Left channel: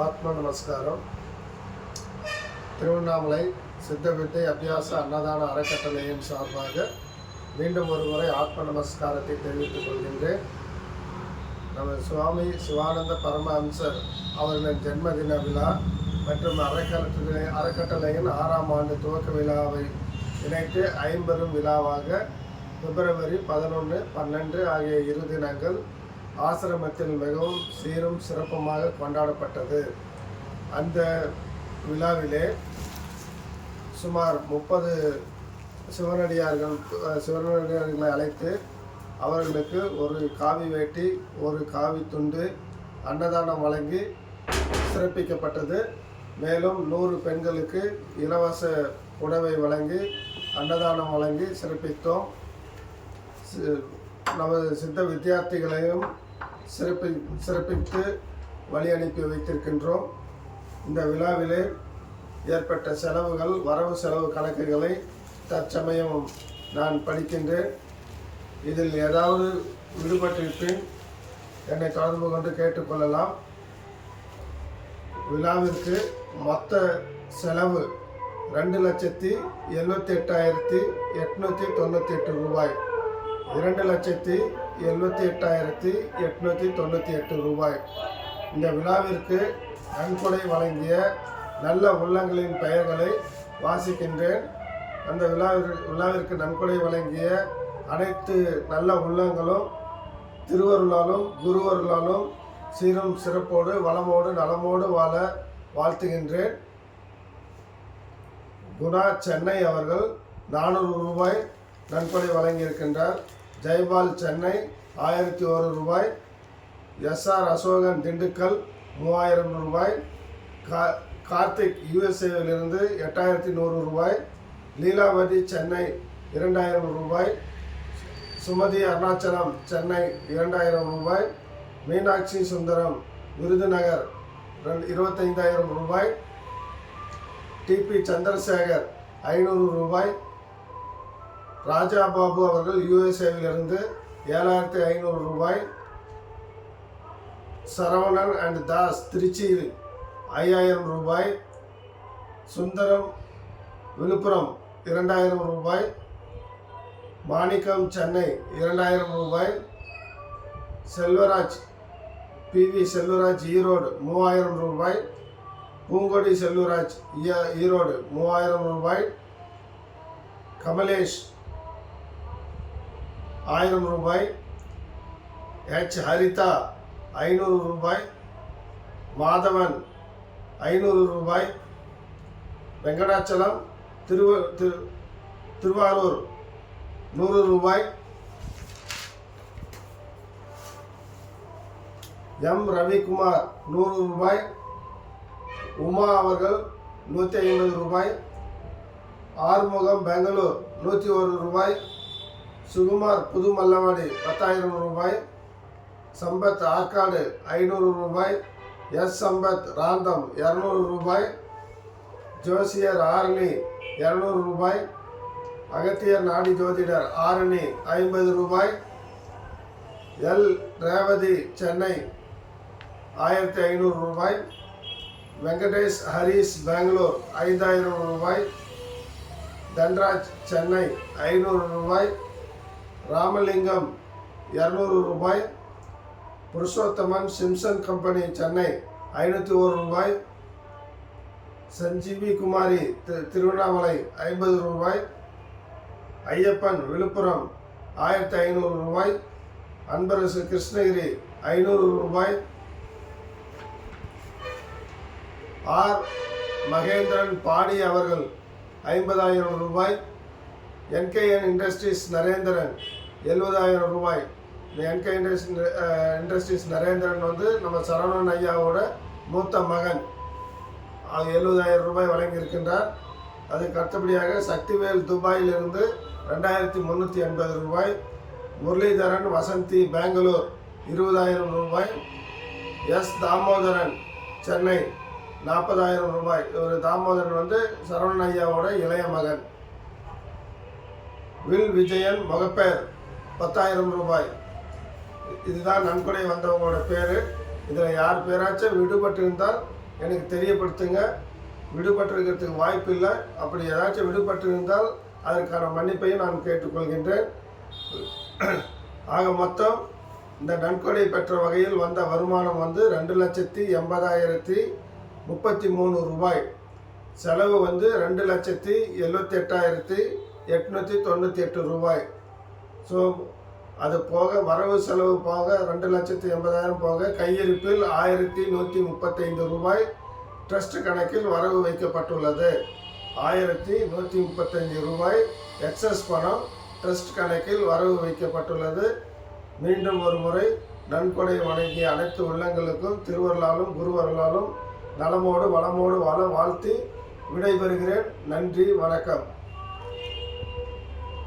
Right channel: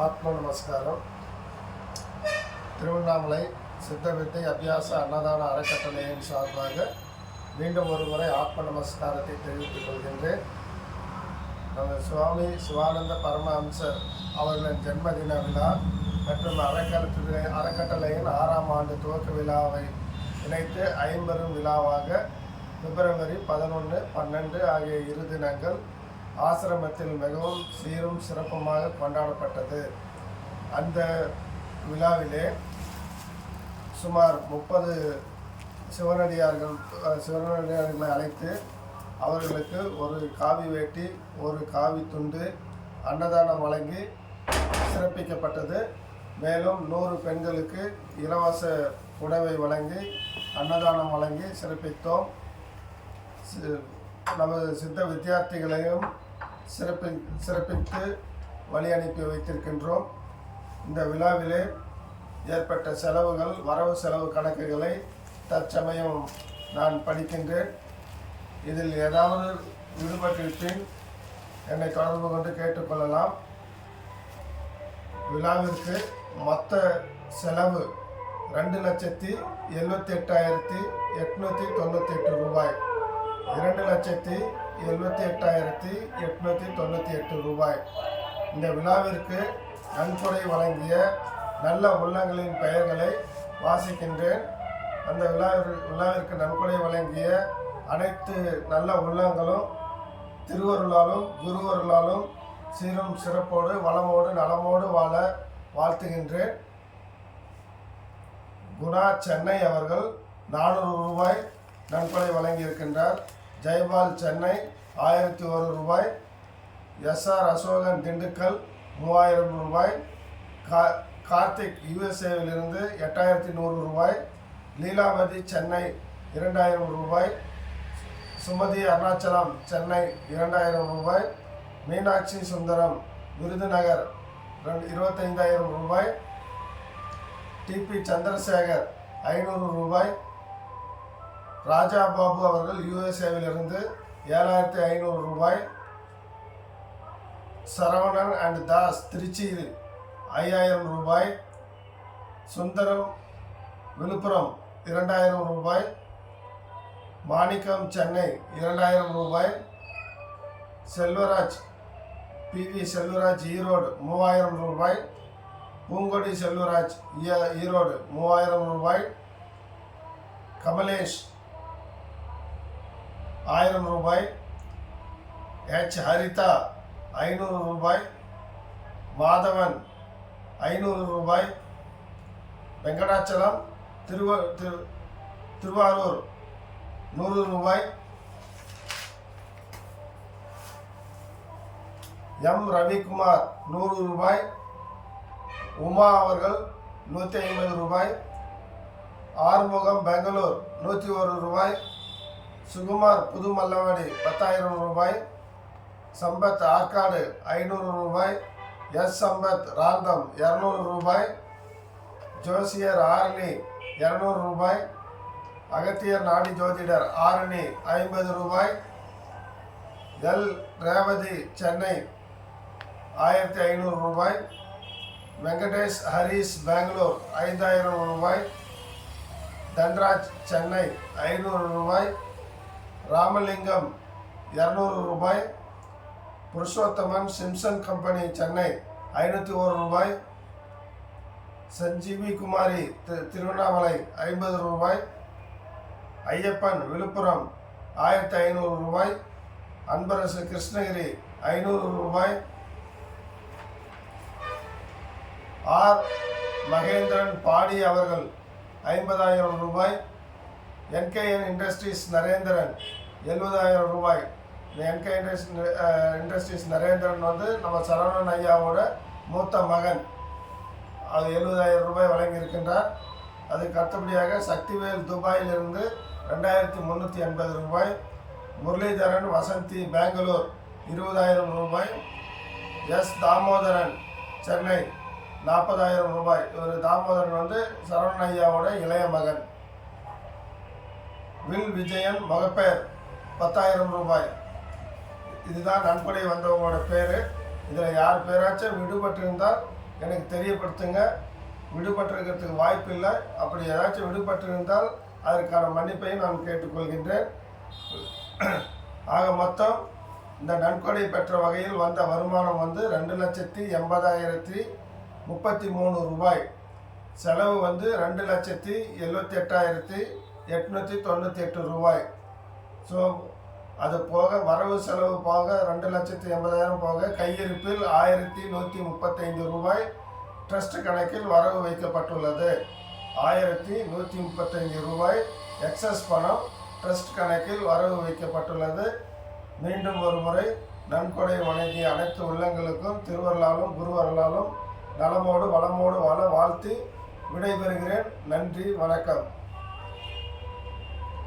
ஆத்ம நமஸ்காரம். திருவண்ணாமலை சித்தவித்தை அபியாச அன்னதான அறக்கட்டளையின் சார்பாக மீண்டும் ஒரு முறை ஆத்ம நமஸ்காரத்தை தெரிவித்துக் கொள்கின்றேன். நமது சுவாமி சிவானந்த பரமஹம்சர் அவர்களின் ஜென்மதின விழா மற்றும் அறக்கட்டளையின் 6ஆம் ஆண்டு துவக்க விழாவை இணைத்து ஐம்பெரும் விழாவாக பிப்ரவரி 11, 12 ஆகிய 2 தினங்கள் ஆசிரமத்தில் மிகவும் சீரும் சிறப்புமாக கொண்டாடப்பட்டது. அந்த விழாவிலே சுமார் 30 சிவனடியார்களை அழைத்து அவர்களுக்கு ஒரு காவி வேட்டி, ஒரு காவி துண்டு அன்னதானம் வழங்கி சிறப்பிக்கப்பட்டது. மேலும் 100 பெண்களுக்கு இலவச உணவை வழங்கி அன்னதானம் வழங்கி சிறப்பித்தோம். நமது சித்த வித்தியார்த்திகளையும் சிறப்பித்து வழி அனுப்பி வைத்திருக்கின்றோம். இந்த விழாவிலே ஏற்பட்ட செலவுகள், வரவு செலவு கணக்குகளை தற்சமயம் நான் படிக்கின்றேன். இதில் ஏதாவது விடுபட்டிருப்பின் என்னை தொடர்பு கொண்டு கேட்டுக்கொள்ளலாம். விழாவிற்கு மொத்த செலவு 2,78,898 ரூபாய். 2,78,898 ரூபாய். இந்த விழாவிற்கு நன்கொடை வழங்கிய நல்ல உள்ளங்களின் பெயர்களை வாசிக்கின்றேன். அந்த விழாவிற்கு நன்கொடை வழங்கிய அனைத்து நல்ல உள்ளங்களும் திருவருளாலும் குருவருளாலும் சீரும் சிறப்போடு வளமோடு நலமோடு வாழ வாழ்த்துகின்றேன். குணா சென்னை அவர்கள் 400 ரூபாய் நன்கொடை வழங்கியிருக்கின்றார். ஜெய்பால் சென்னை 1001 ரூபாய். SR அசோகன் திண்டுக்கல் 3000 ரூபாய். கார்த்திக் USA-விலிருந்து 8100 ரூபாய். லீலாவதி சென்னை 2000 ரூபாய். சுமதி அருணாச்சலம் சென்னை 2000 ரூபாய். மீனாட்சி சுந்தரம் விருதுநகர் 25,000 ரூபாய். TP சந்திரசேகர் 500 ரூபாய். ராஜா பாபு அவர்கள் USA-விலிருந்து 7,500 ரூபாய். சரவணன் அண்ட் தாஸ் திருச்சியில் 5,000 ரூபாய். சுந்தரம் விழுப்புரம் 2,000 ரூபாய். மாணிக்கம் சென்னை 2,000 ரூபாய். செல்வராஜ் PV செல்வராஜ் ஈரோடு 3,000 ரூபாய். பூங்கொடி செல்வராஜ் ஈரோடு 3,000 ரூபாய். கமலேஷ் 1000 ரூபாய். ஹரிதா 500 ரூபாய். மாதவன் 500 ரூபாய். வெங்கடாச்சலம் திருவாரூர் 100 ரூபாய். M ரவிக்குமார் 100 ரூபாய். உமா அவர்கள் 150 ரூபாய். ஆறுமுகம் பெங்களூர் 101 ரூபாய். சுகுமார் புதுமல்லவாடி 10,000 ரூபாய். சம்பத் ஆற்காடு 500 ரூபாய். சம்பத் ராந்தம் 200 ரூபாய். ஜோசியர் ஆரணி 200 ரூபாய். அகத்தியர் நாடி ஜோதிடர் ஆரணி 50 ரூபாய். ரேவதி சென்னை 1,500 ரூபாய். வெங்கடேஷ் ஹரீஷ் பெங்களூர் 5,000 ரூபாய். தன்ராஜ் சென்னை 500 ரூபாய். ராமலிங்கம் 200 ரூபாய். புருஷோத்தமன் சிம்சன் கம்பெனி சென்னை 501 ரூபாய். சஞ்சீவி குமாரி திருவண்ணாமலை 50 ரூபாய். ஐயப்பன் விழுப்புரம் 1,500 ரூபாய். அன்பரசு கிருஷ்ணகிரி 500 ரூபாய். R மகேந்திரன் பாடி அவர்கள் 50,000 ரூபாய். NKN இண்டஸ்ட்ரீஸ் நரேந்திரன் 70,000 ரூபாய். இந்த NK இண்டஸ்ட்ரீஸ் நரேந்திரன் வந்து நம்ம சரவணன் ஐயாவோட மூத்த மகன். 70,000 ரூபாய் வழங்கியிருக்கின்றார். அதுக்கு அடுத்தபடியாக சக்திவேல் துபாயிலிருந்து 2,380 ரூபாய். முரளிதரன் வசந்தி பெங்களூர் 20,000 ரூபாய். தாமோதரன் சென்னை 40,000 ரூபாய். ஒரு தாமோதரன் வந்து சரவணன் ஐயாவோட இளைய மகன். வில் விஜயன் மகப்பேர் 10,000 ரூபாய். இதுதான் நன்கொடை வந்தவங்களோட பேர். இதில் யார் பேராச்சும் விடுபட்டு இருந்தால் எனக்கு தெரியப்படுத்துங்க. விடுபட்டிருக்கிறதுக்கு வாய்ப்பு இல்லை. அப்படி ஏதாச்சும் விடுபட்டிருந்தால் அதற்கான மன்னிப்பையும் நான் கேட்டுக்கொள்கின்றேன். ஆக மொத்தம் இந்த நன்கொடை பெற்ற வகையில் வந்த வருமானம் வந்து 2,80,033 ரூபாய். செலவு வந்து 2,78,898 ரூபாய். ஸோ அது போக வரவு செலவு போக 2,80,000 போக கையிருப்பில் 1,135 ரூபாய் ட்ரஸ்ட் கணக்கில் வரவு வைக்கப்பட்டுள்ளது. 1,135 ரூபாய் எக்ஸஸ் பணம் ட்ரஸ்ட் கணக்கில் வரவு வைக்கப்பட்டுள்ளது. மீண்டும் ஒரு முறை நன்கொடை வழங்கிய அனைத்து உள்ளங்களுக்கும் திருவருளாலும் குருவருளாலும் நலமோடு வளமோடு வாழ வாழ்த்தி விடைபெறுகிறேன். நன்றி, வணக்கம்.